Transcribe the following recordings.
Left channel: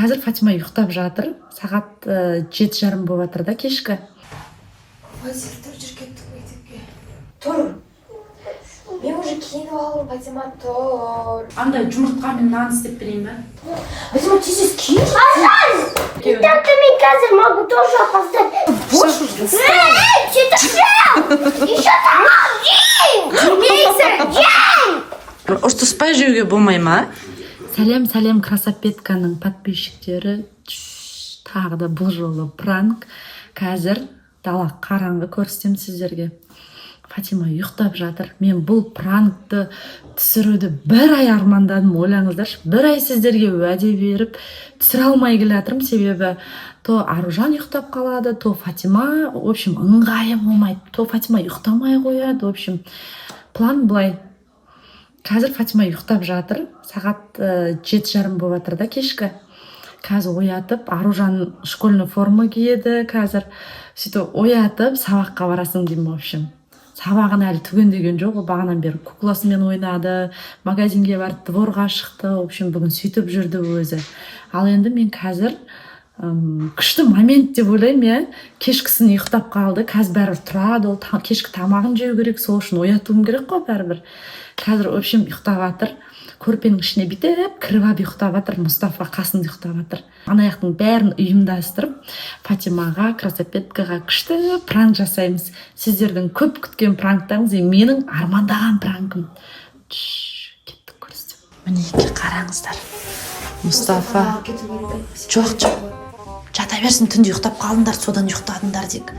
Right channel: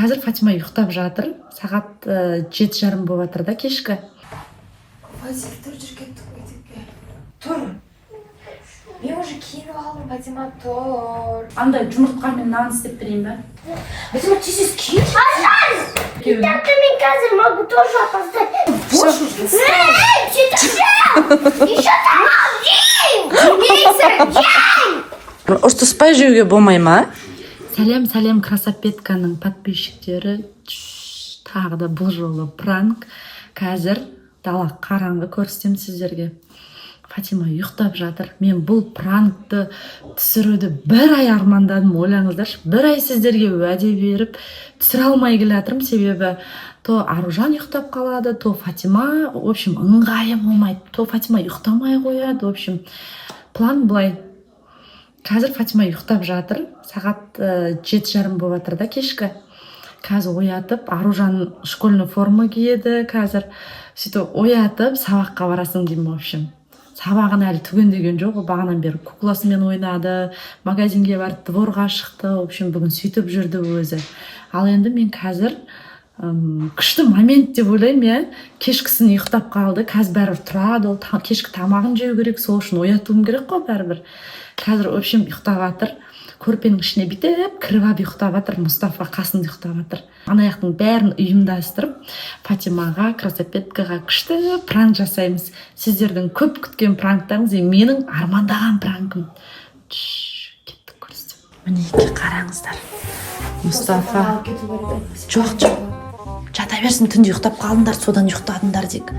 Қазір Фатима ұйықтап жатыр. Сағат 7:30 болып жатыр да кешкі. Фатима тұр жүр кеттік мектепке. Тұр. Мен уже киініп алдым, Фатима тұр. Андай жұмыртқамен нан істеп берейін бе? Фатима тез киін. Так мне кажется, могу тоже опоздать. Боже, Что ты сделал? Еще там один! День! Ұрсыспай жеуге болмай ма? Сәлем красапетканың подписчиктері. Тағы да бұл жолы пранк. Қазір дала қараңғы көрсетем сіздерге. Фатима ұйықтап жатыр. Мен бұл пранкты түсіруді бір ай армандадым, ойлаңыздаршы. Бір ай сіздерге уәде беріп түсіре алмай келатырмын, себебі то Аружан ұйықтап қалады, то Фатима, в общем, ыңғайы болмайды. То Фатима ұйықтамай қояды, в общем, план былай. Қазір Фатима ұйықтап жатыр. Сағат 7:30 болып жатыр да кешкі. Қазір оятып, Аружан школьный форма киеді. Қазір сөйтіп оятып, сабаққа барасың деймін, в общем. Сабағын әлі түгендеген жоқ, бағанан бері кукласымен ойнады, магазинге барып, дворға шықты, в общем, бүгін сөйтіп жүрді өзі. Ал енді мен қазір күшті момент деп ойлаймын, кешкісін ұйықтап қалды, қазір бәрібір тұрады, ол кешкі тамағын жеу керек, сол үшін оятуым керек қой бәрібір. Қазір, в общем, ұйықтап жатыр. Көрпенің ішіне бүйтіп кіріп алып ұйықтап жатыр. Мұстафа қасында ұйықтап жатыр. Анаяқтың бәрін ұйымдастырып, Фатимаға, красапеткаға күшті пранк жасаймыз. Сіздердің көп күткен пранктарыңыз, менің армандаған пранкым. Кеттік көрсетем. Мінеке қараңыздар. Мұстафа. Жоқ. Жата берсін, түнде ұйықтап қалдыңдар, содан ұйықтадыңдар дек.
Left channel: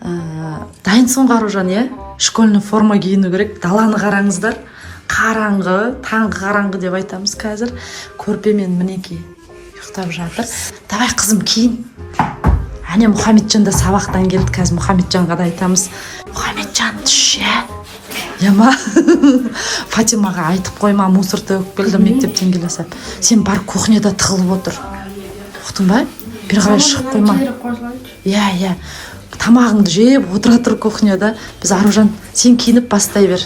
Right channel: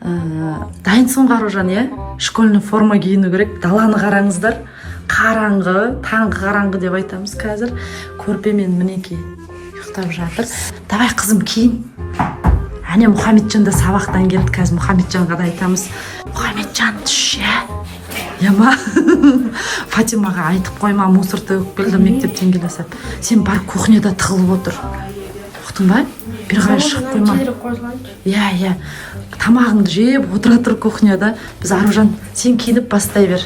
Дайынсың Аружан, школьный форма киіну керек. Даланы қараңыздар. Қараңғы, таңғы қараңғы деп айтамыз қазір. Көрпемен мінеке ұйықтап жатыр. Давай қызым киін. Әне Мұхамеджан да сабақтан келді. Қазір Мұхамеджанға да айтамыз. Мұхамеджан түш, ма? Фатимаға айтып қойма, мусор төгіп келді мектептен келе сап. Сен бар кухняда тығылып отыр. Ұқтың ба? Бір қарай шығып қойма. Иә. Тамағыңды жеп отыра тұр кухняда. Біз Аружан, сен киініп бастай бер.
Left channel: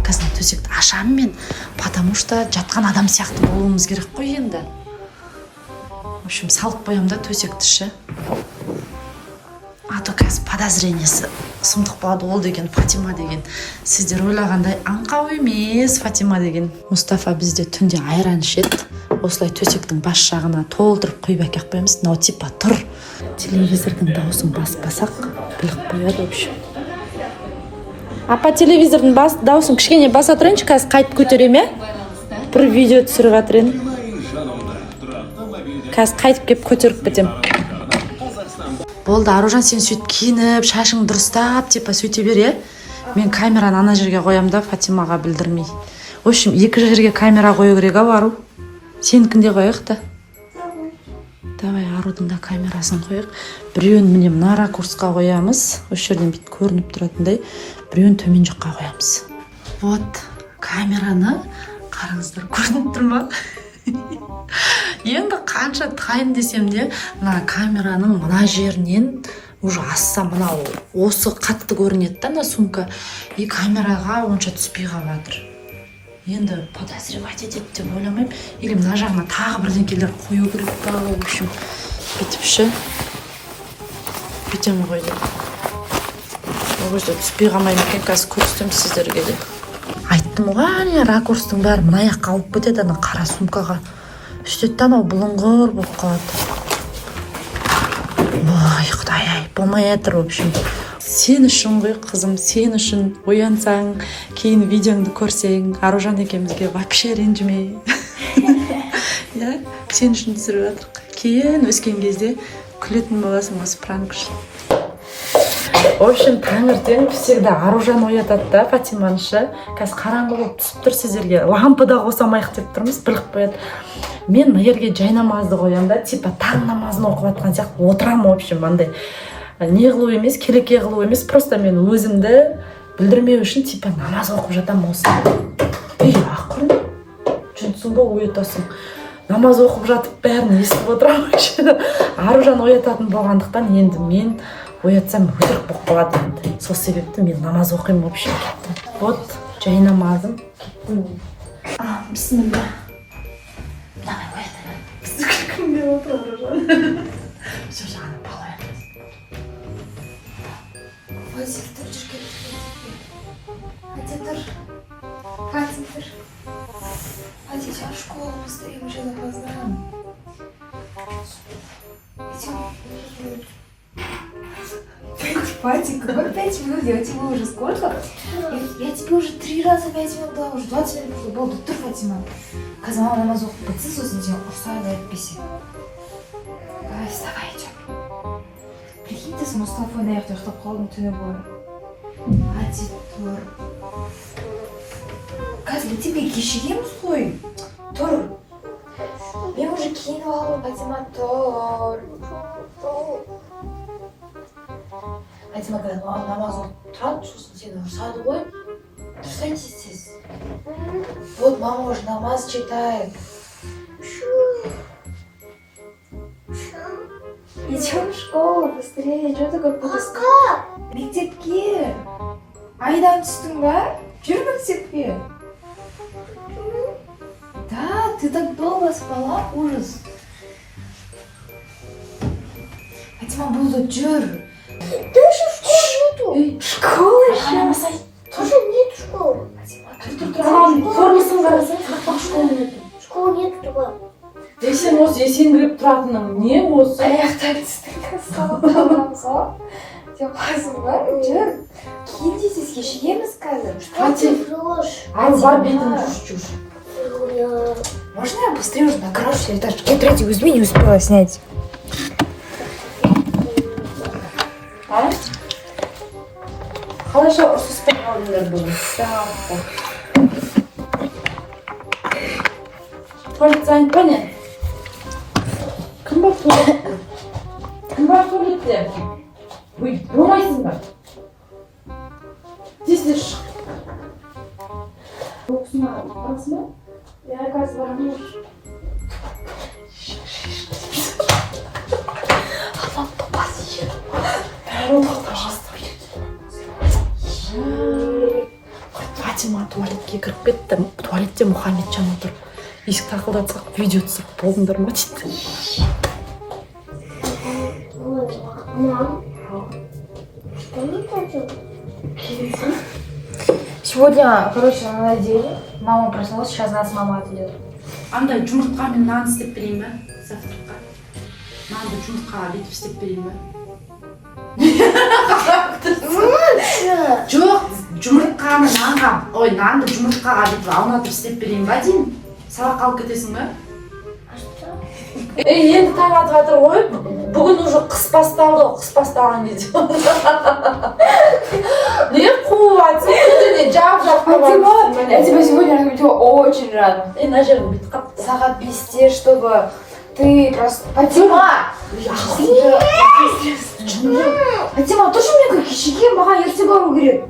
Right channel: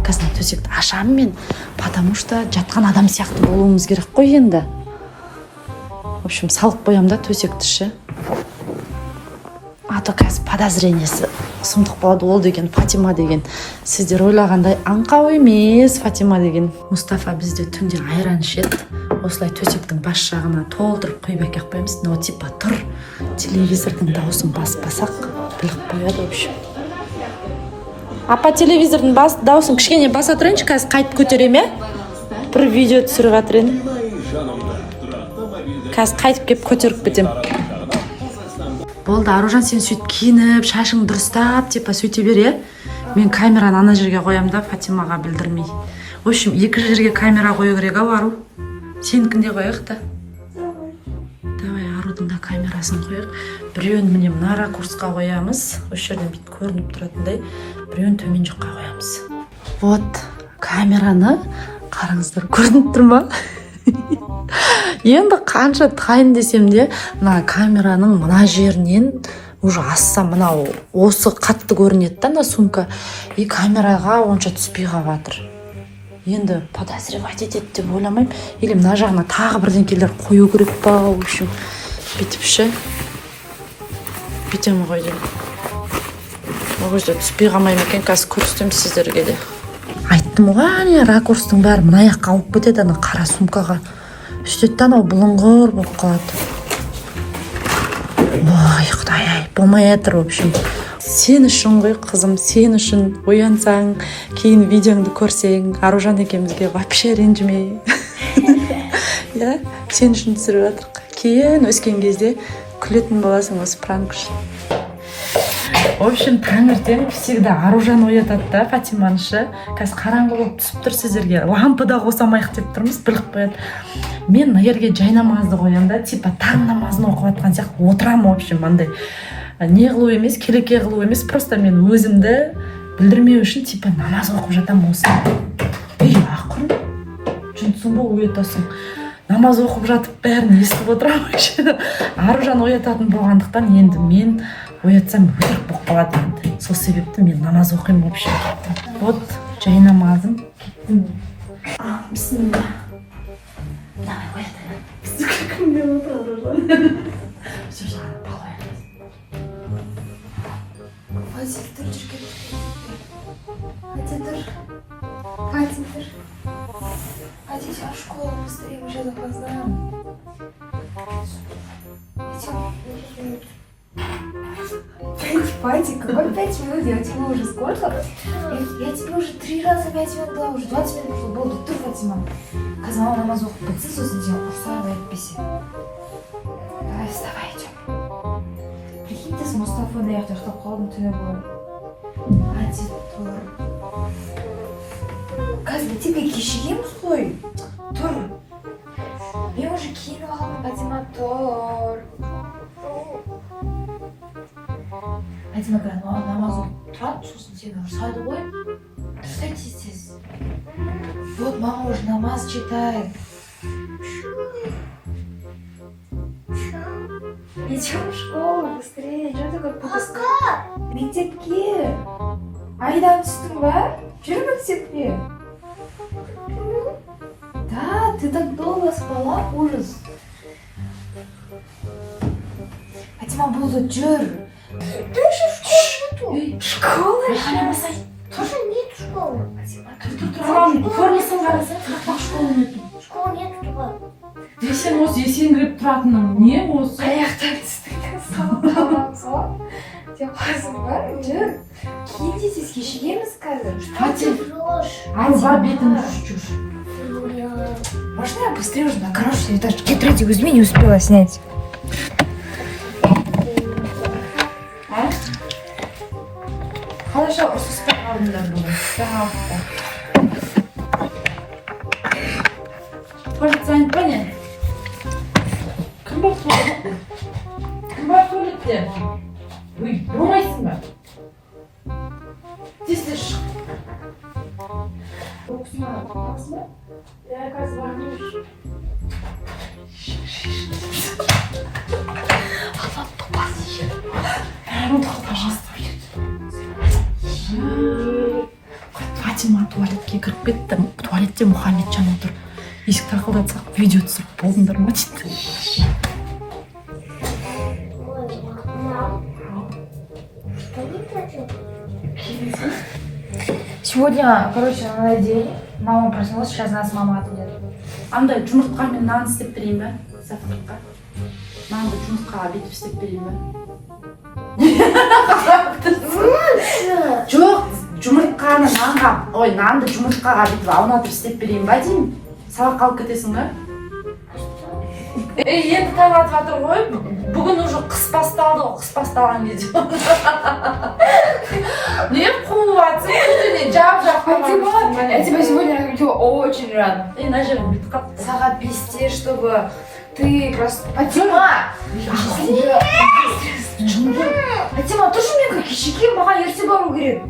Қазір төсекті ашамын мен, потому что жатқан адам сияқты болуымыз керек қой енді. В общем, салып қоям да төсекті ше. А то қазір подозрениесі сұмдық болады, ол деген Фатима деген. Сіздер ойлағандай аңқау емес Фатима деген. Мұстафа бізде түнде айран ішеді. Осылай төсектің бас жағына толтырып қойып әкеп қоямыз. Мынау типа тұр. Телевизордың дауысын баспасақ біліп қояды, в общем. Апа, телевизордың дауысын кішкене баса тұрайыншы, қазір қайтып көтерем, бір видео түсіріп жатырын. Қазір қайтып кеп көтеріп кетем. Болды, Аружан, сен сөйтіп киініп, шашың дұрыстап, типа сөйте бер, Мен камераны ана жерге қоям да, Фатимаға білдірмей. В общем, екі жерге камера қою керек, Ару. Сенікінде қояқ та. Давай, Арудың да камерасын қояқ. Біреуін міне мына ракурсқа қоямыз. Осы жерден бүйтіп көрініп тұратындай. Біреуін төмен жаққа қоямыз. Вот, камераны қараңыздар, көрініп тұр ма? Енді қанша тайын десем де, мына камераның мына жерінен уже ассам, мынау осы қатты көрінеді да, мына сумка. И камераға онша түспей қалып жатыр. Енді подозревать етеді деп ойламаймын. Или мына жағына тағы бірдеңкелер қою керек па, в общем, бүйтіп ше. Бүйтем ғой деп. Ол кезде түспей қалмаймын екен, қазір көрсетем сіздерге де. Айттым ғой, ракурстың бәрі мына жаққа алып кетеді, ана қара сумкаға. Сөйтеді, анау бұлыңғыр болып қалады. Ой, Құдай-ай, болмай жатыр, в общем. Сен үшін ғой, қызым, сен үшін оянсаң, кейін видеоңды көрсең, Аружан екеумізге вообще ренжімей. Сен үшін түсіріп жатырық. Кейін өскен кезде күлетін боласың осы пранк үшін. В общем, таңертең всегда Аружан оятады да, Фатиманышы. Қазір қараңғы болып түсіп тұр сіздерге. Лампыда қосамайық деп тұрмыз, біліп қояды. Мен егерге жай намазды қоям да, типа таң намазын оқып жатқан сияқты отырам, в общем, андай не қылу емес, келеке қылу емес, просто мен өзімді білдірмеу үшін типа намаз оқып жатам осында. Ақырын, жүнсің ба, оятасың. Намаз оқып жатып бәрін естіп отырам. Аружан оятатын болғандықтан енді мен оятсам өтірік болып қалады енді. Сол себепті мен намаз оқимын, в общем. Вот, жай намазым. Бисмилля. Давай, оятайын. күлкімде отырып сол жағына балаян. Вадик, тұр, жүрген. Хати, тұр. Хати, тұр. Хати, сейчас в школу быстрее, мы сейчас опоздаем. Вадик, какой 5 минут? Я тебе уже сколько? Я тебе уже 3 раза 5 минут дала, уже 20 минут болды. Тұр, Фатима. Қазір мама намаз оқып бітсе, сосын сен ұрсайын да әйтпесе. Давай, вставай, идем. Прикинь, ты с Мустафой на яхте ұйықтап қалдың түні бойы. Хати, тұр. Қазір мектепке кешігеміз ғой. Тұр. Мен уже киініп алдым, Фатима, тұр. Фатима, қазір мама намаз оқып тұрады, сосын сені ұрсады ғой. Тұрсай тез-тез. Вот мама уже намаз читает. Идем в школу, быстрее. Что такое поска? Мектепке. Айдан түстің ба? Жүр мектепке. Да, ты так долго спала, ужас. Фатима, болды, жүр. Да еще школы нету. Школа еще? Тоже нет школы. Формасын қарасаң, школа нету. Школы нету туда. Сен осы есеңгіреп тұратының не осы? Аяқтарын үстіңгі салдамаңға деп қазым бар, жүр. Кейін тез кешігеміз қазір. Хати, Врешь. бар бетіңді жүр. Можно я быстрее уже на красный этаж? Тетради возьми, не успела снять. Қалайша ұрсыстап қалдыңдар бүгін? Туалет па не? Кім бар туалетте? Кім бар туалетте? Ой, болмайсың ба? Тезде шық. Оқысың ба? Оқысың ба? Я қазір барамын. Фатима туалетке кіріп кетті. Туалетте Мұхаммеджан отыр. Есік тақылдатсақ, видео түсіріп болдыңдар ма дейді. Мам. Что не хочу? Сегодня, короче, на день мама проснулась, сейчас нас мама отведет. Андай жұмыртқа мен нан істеп берейін бе? Завтракқа. Нанды жұмыртқаға бүйтіп істеп берейін бе? Жоқ, жұмыртқаны нанға, ой, нанды жұмыртқаға бүйтіп аунатып істеп берейін ба деймін? Сабақ қалып кетесің ба? Енді таң атып жатыр ғой. Бүгін уже қыс басталды, қыс басталған кезде. Не қуатсың? Күндіне жап-жап Фатима, я тебя сегодня разбудила очень рано. мына жерім бүйтіп қапты. Сағат 5-те, чтобы ты просто... Фатима! Фатима, тоже мне как кешеге, маған ерте бару керек.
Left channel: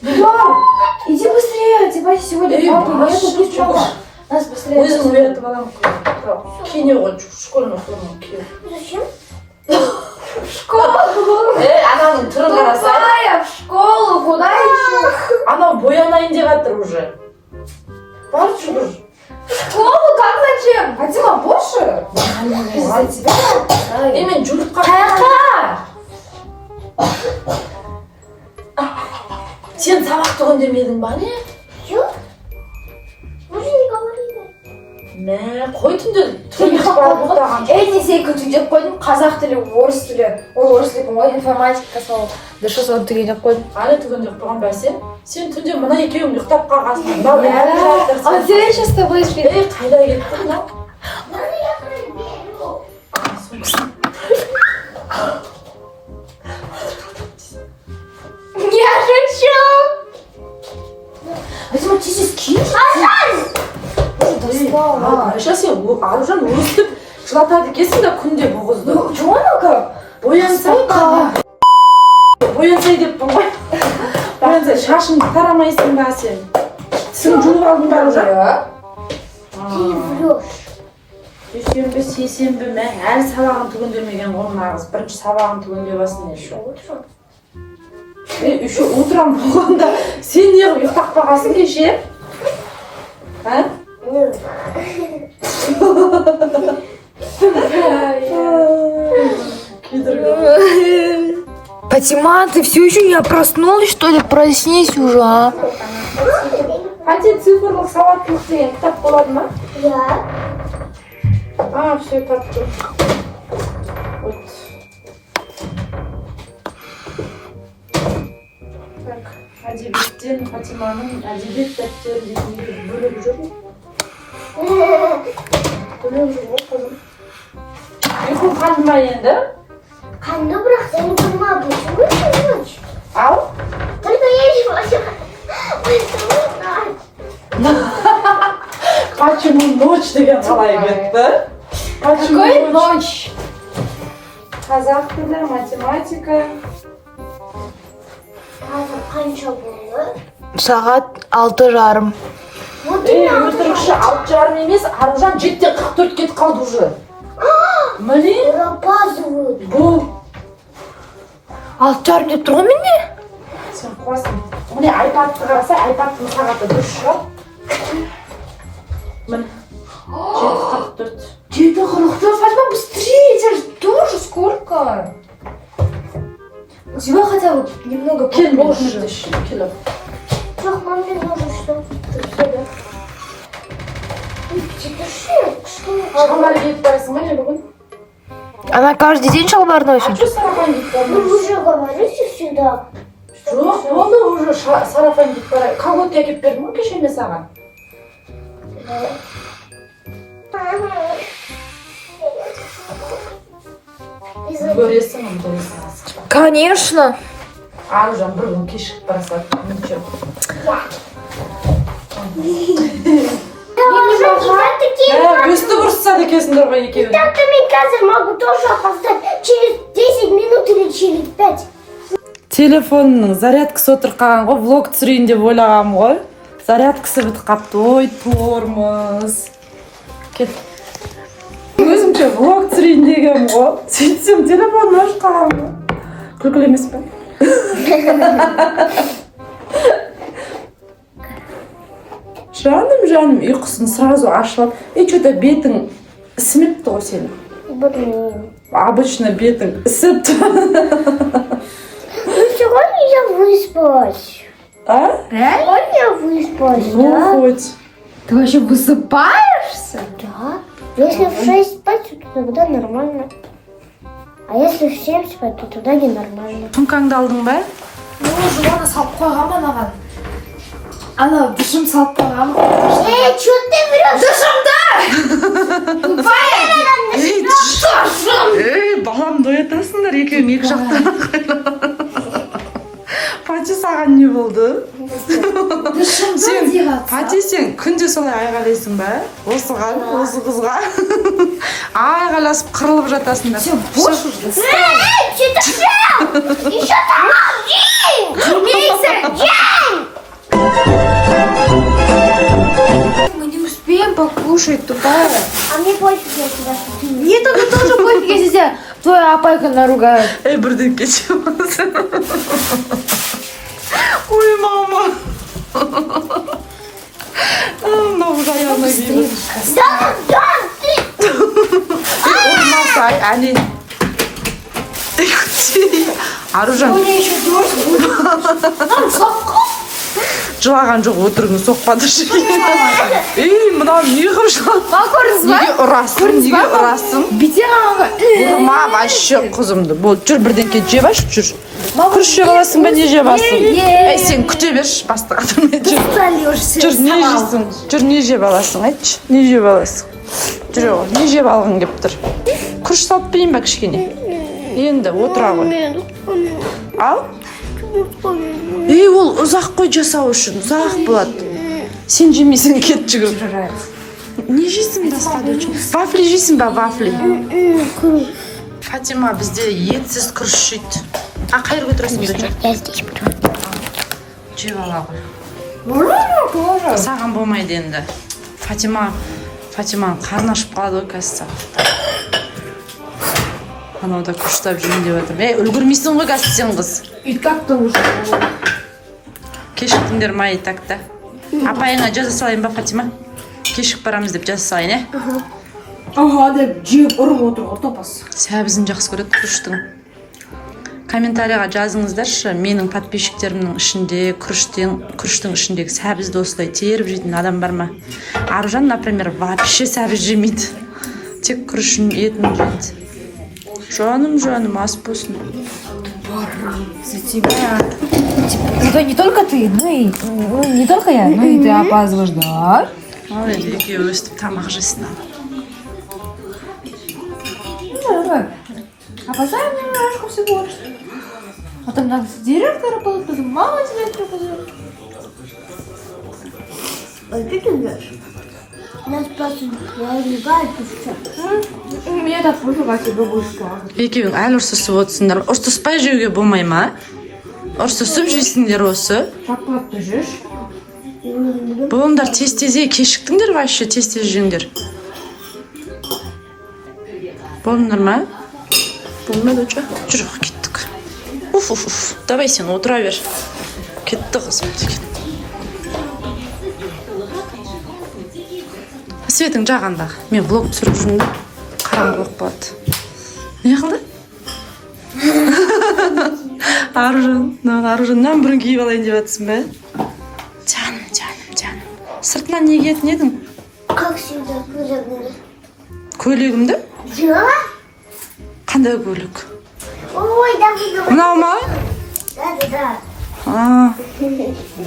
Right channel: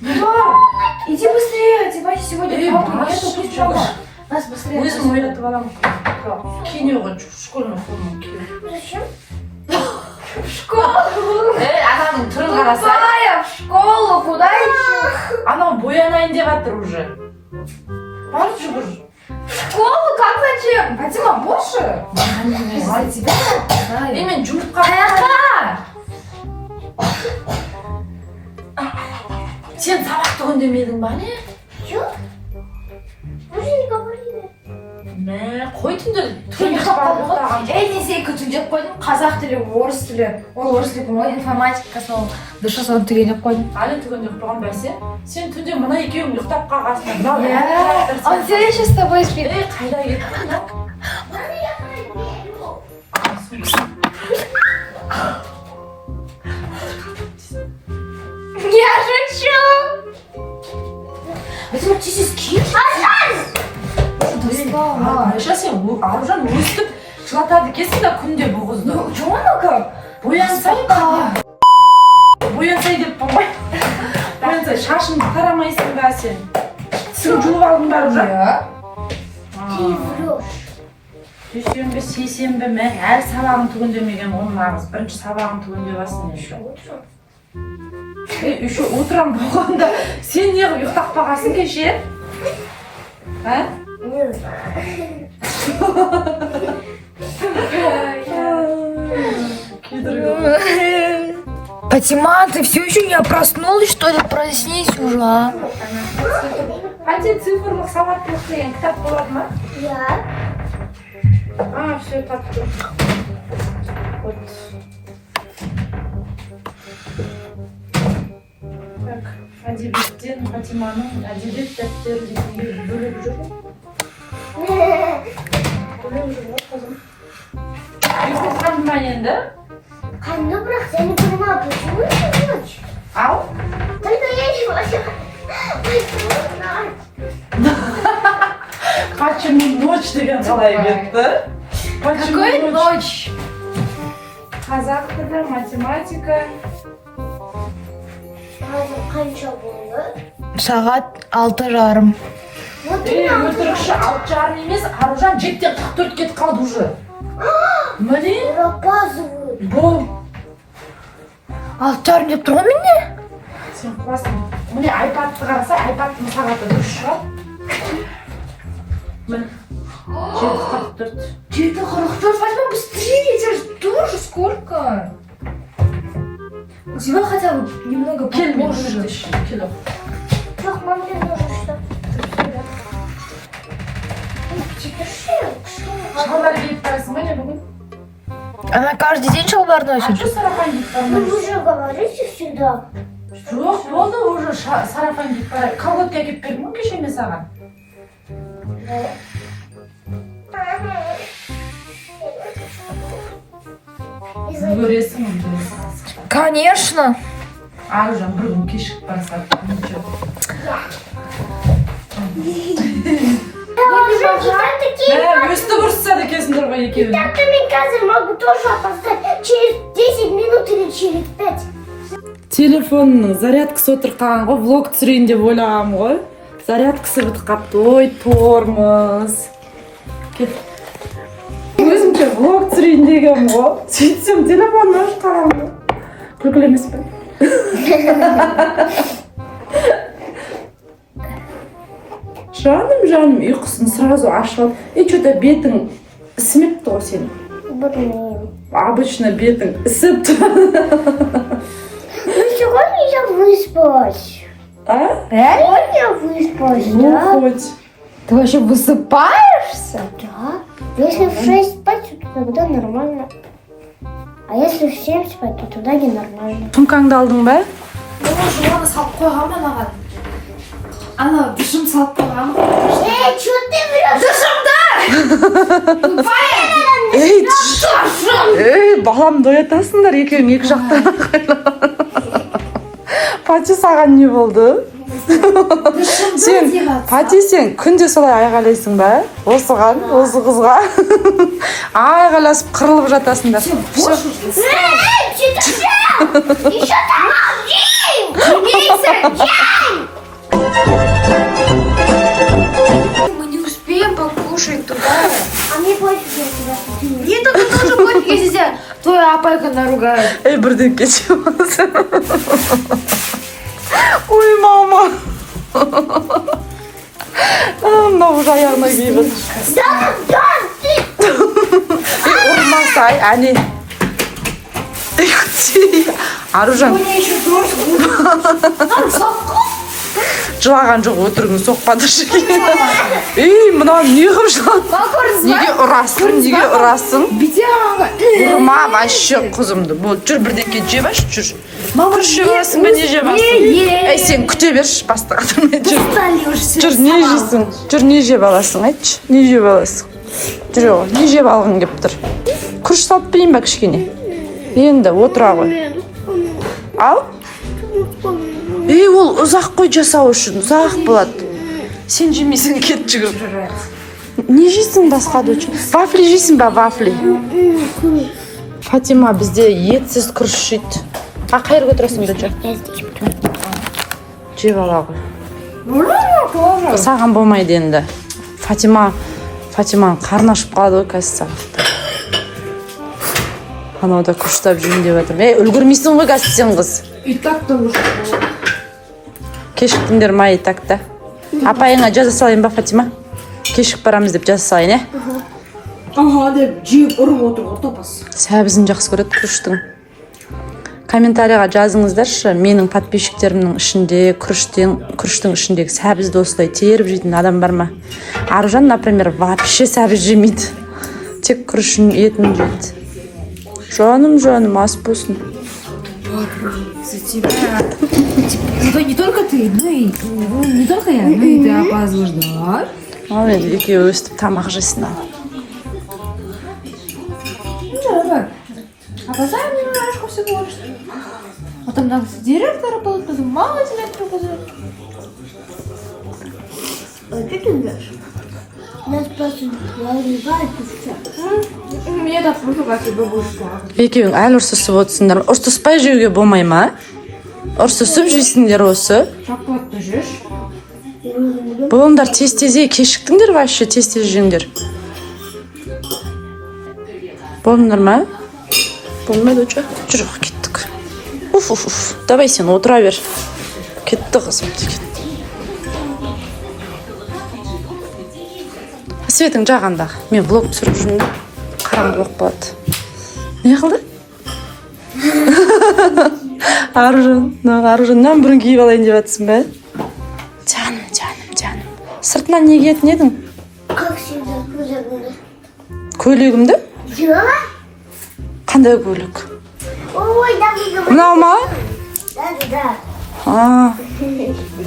Да, иди быстрее, Фатима, сегодня папа нету, пусть дома. Нас быстрее. Өзім оятып аламын. Киіне ғой, школьный форма киіп. Зачем? В школу! Ананың түрін қарасай. Ая, в школу, куда еще? Анау боянайын деп жатыр уже. Бар жүгір. В школу? Как зачем? Фатима, больше? Из-за тебя? Мен жұмыртқа. Қаяққа? Сен сабақ түгін демедің ба не? Чё? Мы же не говорили. Мә, қой түнде түрін барып ұқтаған. Несей күтіп қойдым, қазақ тілі, орыс тілі. Ол орыс тілі ғой, информатика сол. Дұрыс соны түгенеп қойдым. Әлі түгін ұқтаған бәсе. Сен түнде мына екеуің ұқтап қалғансың. А я сейчас с тобой сплю. Қайда кеттің да? Я шучу. Фатима, ты здесь кинь. Айша, сен аружан өстіп жылатады екенсің да күнде бұл қызды. Жонака? Боянсай деп болмай. Боянсай, шашыңды тарамайсың ба сен? Сен жуып алдың ба уже? Ты врешь. Дүйсенбі, сейсенбі, мә, әлі сабағын түгіндемеген ғой мына қыз. Бірінші сабағын түгіндебасың еще. Еще утром болғанда сен неғып ұйықтап қалғансың кеше? Нет. Фатима, ты все еще не проснулась, что ли? Проснись уже, а? Один цифрлық сауаттылық деген кітап болады ма? Я. А, все таптым. Вот. Так, әдебиеттен Фатиманың әдебиет дәптеріндегі бөліп жүр. Бөліп жүр ғой қызым. Ұйқы қанды ма енді? Kandı bırak seni kırma ablası. Vurmuş. Ау? Тогда я не могу. Почему ночь деген қалай кетті? Какой ночь? Қазақ тілі, математика. Hazır kança oldu. Saat 6:30. Вот и надо. Өтірікші 6:30 емес, Аружан 7:44 кетіп қалды уже. Міне, Опаздывают. бұл. 6:30 деп тұрған менде? Сен қуасың. Міне айпадты қараса, айпадтың сағаты дұрыс шығар. Міне, 7:44. 7:44, Фатима, быстрее, тебя же тоже сколько? У тебя хотя бы немного Кел, попозже. можно еще кило. Жоқ, маме нужно что-то. Шалбар киіп барасың ба не бүгін? Она каждый день шалбар А носит? что сарафан киіп Вы бармайсың? уже говорите всегда. Жоқ, болды уже сарафан киіп бара. Колготки әкеліп бердім ғой кеше мен саған. Көресің, көресің. Конечно. Аружан бір күн кешігіп барса, ничего. Өстіп ұрысады екенсіңдер ғой екеуің. Так-то мне кажется, могу тоже опоздать через 10 минут или через 5. Телефонның зарядкасы отырып қалған ғой, влог түсірейін деп ойлағам ғой. Зарядкасы бітіп қапты. Ой, тормоз. Кет. Өзімше влог түсірейін дегем ғой. Сөйтсем телефонын ашып қалған ғой. Күлкілі емес пе? Жаным, ұйқысын сразу ашылып. Что-то бетің ісімепті ғой сенің. Блин. Обычно бетің ісіпті. Ну сегодня я выспалась. А? Сегодня я выспалась, Ну, да? хоть. Ты вообще высыпаешься? Да. Если в 6 спать, то тогда нормально. А если в 7 спать, то тогда ненормально. Сумкаңды алдың ба? Жуаны салып қойған маған. Ана душым салып қойған. Что ты врешь? Ей, баламды оятасыңдар екеуің екі жақтан. Пати саған не болды? Сен, Пати сен күнде солай айғайлайсың ба? Осыған, осы қызға. Айғайласып қырылып жатасыңдар. Еще там один! Мы не успеем покушать туда. А мне пофиг, я тебя смотрю. Нет, это тоже пофиг, если тебя твоя апайка наругает. Ей, бірден кешеміз. Ой, мама. Мынау уже аяғына киіп. Да, ты! Ұрмасай, әне. Аружан. Жылаған жоқ, өтірігін соқпады. Ей, мынау не қылып жатыр? Көрдіңіз ба? Неге ұрасың? Неге ұрасың? Бите ағанға. Ұрма вообще қызымды. Бол, жүр бірдеңке жеп аш, жүр. Күріш жеп аласың ба, не жеп аласың? Ей, сен күте берші, бастық атырмай жүр. Жүр, не жейсің? Жүр, не жеп аласың, айтшы? Не жеп аласың? Жүр, оғы, не жеп алғың кеп тұр? Күріш салып берейін ба кішкене? Енді, отыра ғой. Ал? Ей, ол ұзақ қой жасау үшін, ұзақ болады. Сен жемейсің, кет жүгір. Не жейсің басқа да үшін? Вафли жейсің ба, вафли? Фатима, бізде етсіз күріш жейді. А, қайыр көтіресің бе жүр? Я здесь буду. Жеп ала ғой. Саған болмайды енді. Фатиманың қарны ашып қалады ғой қазір сағатта. Анау да күштап жүрейін деп жатырмын. Ей, үлгірмейсің ғой қазір сен қыз. И так-то уже. Кешіктіңдер ма и так-то? Апайыңа жаза салайын ба, Фатима? кешігіп барамыз деп жазсайын, е? Ага деп жеп ұрып отыр ғой топас. Сәбізін жақсы көреді күріштің. Комментарийға жазыңыздаршы, менің подписчиктерімнің ішінде күріштің ішіндегі сәбізді осылай теріп жейтін адам бар ма? Аружан, например, вообще сәбіз жемейді. Тек күріштің етін жейді. Жаным, ас болсын. За тебя. Это не только ты, но и не только я, но и ты опаздываешь, да? Ал енді екеуі өстіп тамақ жесін ал. Ну, давай. Опоздаем немножко всего лишь. Потом нас директора будут, потом мама директора будет. Ой, как ты знаешь? Нас просто ругают и все. Меня так поругать бабушка. Екеуің әлі ұрсысып отырсыңдар. Ұрсыспай жеуге болмай ма? Ұрсысып жейсіңдер осы. Шоколадты жеш. Болыңдар тез-тез кешіктіңдер вообще, тез-тез жеңдер. Болыңдар ма? Болмайды өте. Жоқ, кеттік. Уф. Давай сен отыра бер. Кетті қызым деген. Светің жағанда. Мен влог түсіріп жүрмін. Қараңғылық болады. Не қылды? Аружаннан бұрын киіп алайын деп жатсың ба? Жаным. Сыртынан не киетін едің? Как всегда, көйлегімді. Көйлегімді? Да? Қандай көйлек? Ой, да. Мынау ма? Да.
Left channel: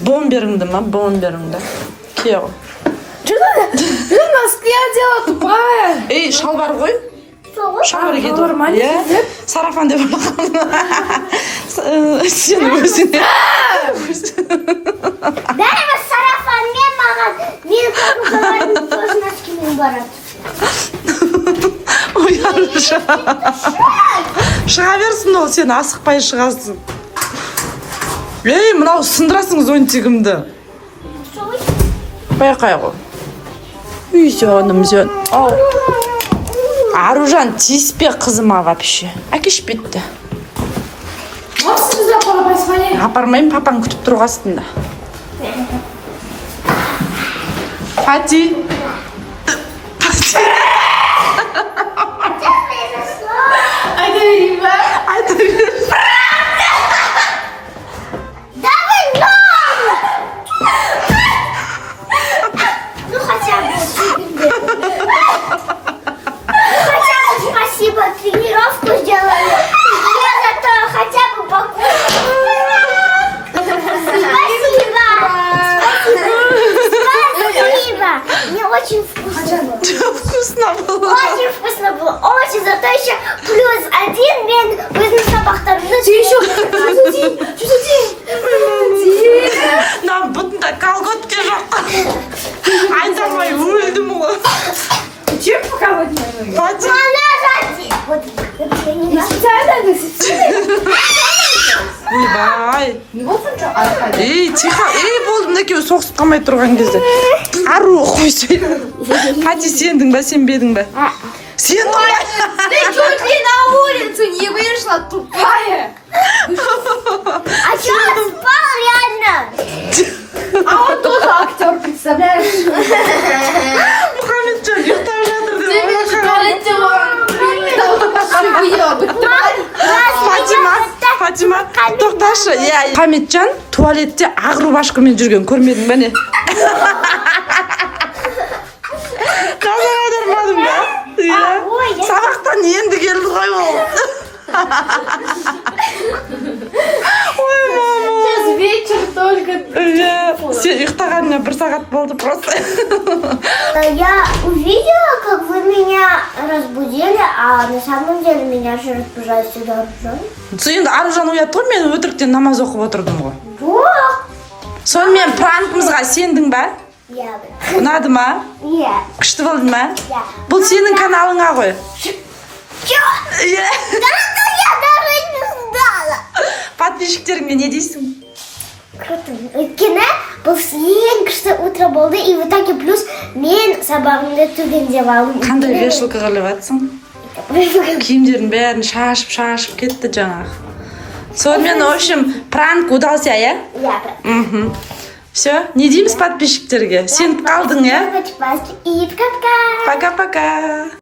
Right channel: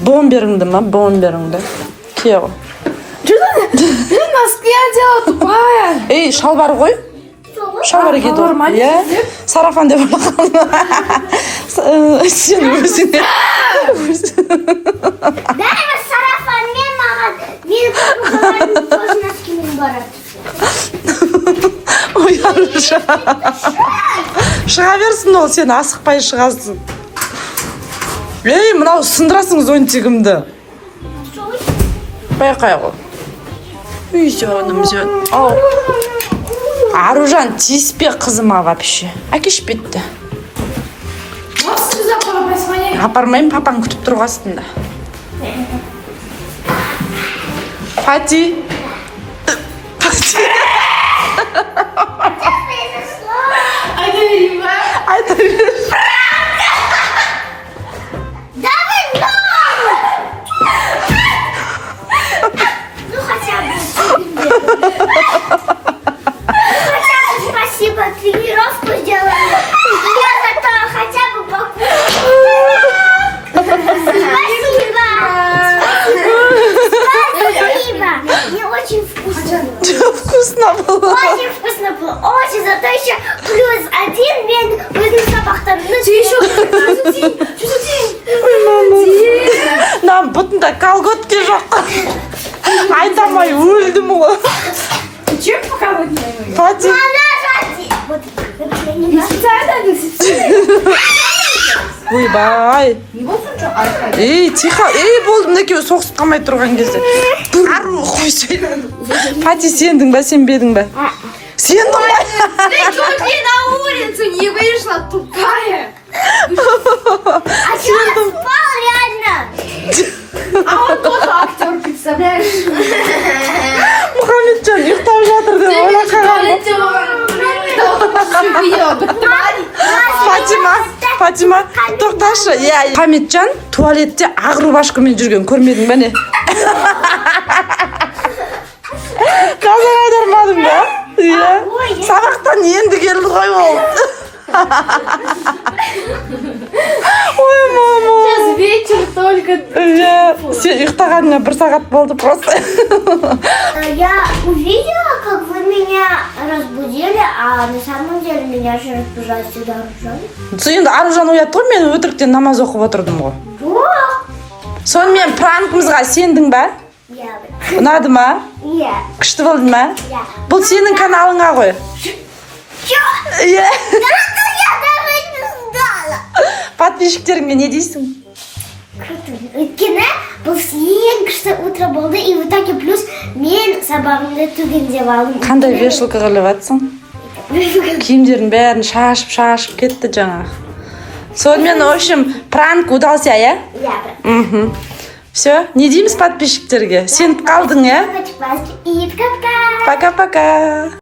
Бомберіңді ма? Бомберіңді. Кие ғой. Блин, носки одела тупая. Ей, шалбар ғой? Шалбар киді ғой. Иә? Сарафан деп ойлаған. Сен өзіне. Бәрібір сарафанмен маған. Мен көңілдерім тоже носкимен барады. Ой, Аружан. Шыға берсін ол, сен асықпай шығасың. Ей, мынау сындырасың зонтигімді. Байқай ғой. Үй, жаным. Ау. Аружан, тиіспе қызыма вообще. Әкеш бетті. Можешь сюда позвонить? Апармайым, папаң күтіп тұруға астында. Пати. Айта бер. Ну хотя бы спасибо, тренировку сделали. Я зато хотя бы покушала. Спасибо. Мне очень вкусно было. Вкусно было. Очень вкусно было. Очень, зато еще +1 мен өзінің сабақтарымды. Ты еще Нам бұтында колготки жоқ. Айтамай өлдім ғой. Чем поколоть мои? Пати. Вот, Не специально, Ойбай. Не вот он что, Ей, тихо. Ей, болдым екеуі соғысып қалмай тұрған кезде. Ару қойсай. Пати, сендің ба, сенбедің ба? Сендің ба? Ты чуть ли на улицу не вышла, тупая. а что спал реально? А он тоже актер, представляешь? Мұхаммеджан ұйықтап жатыр деп Фатима, тоқташы. Мұхаммеджан туалетте ақ рубашкамен жүрген көрмедің бе не? Назар аудармадың ба? Иә. Сабақтан енді келді ғой ол. Ой, мама. Сейчас вечер только. Сен ұйықтағанына 1 сағат болды просто. Я увидела, как вы меня разбудили, а на самом деле меня же разбужает всегда Аружан. Енді Аружан оятты ғой, мен өтіріктен намаз оқып отырдым ғой. Да? Сонымен пранкымызға сендің ба? Я. Ұнады ма? Я. Күшті болды ма? Я. Бұл сенің каналыңа ғой. Чё? Иә. Я даже не знала. Подписчиктеріңе не дейсің? Круто. Өйткені бұл ең күшті утро болды, и в итоге плюс мен сабағымды түгел деп алдым. Қандай вешалка қылып жатсың? Киімдердің бәрін шашып кетті жаңағы. Сонымен, в общем, пранк удался, иә? Я. Мхм. Все, не дейміз подписчиктерге? Сеніп қалдың, иә? И пока-пока. Пока-пока.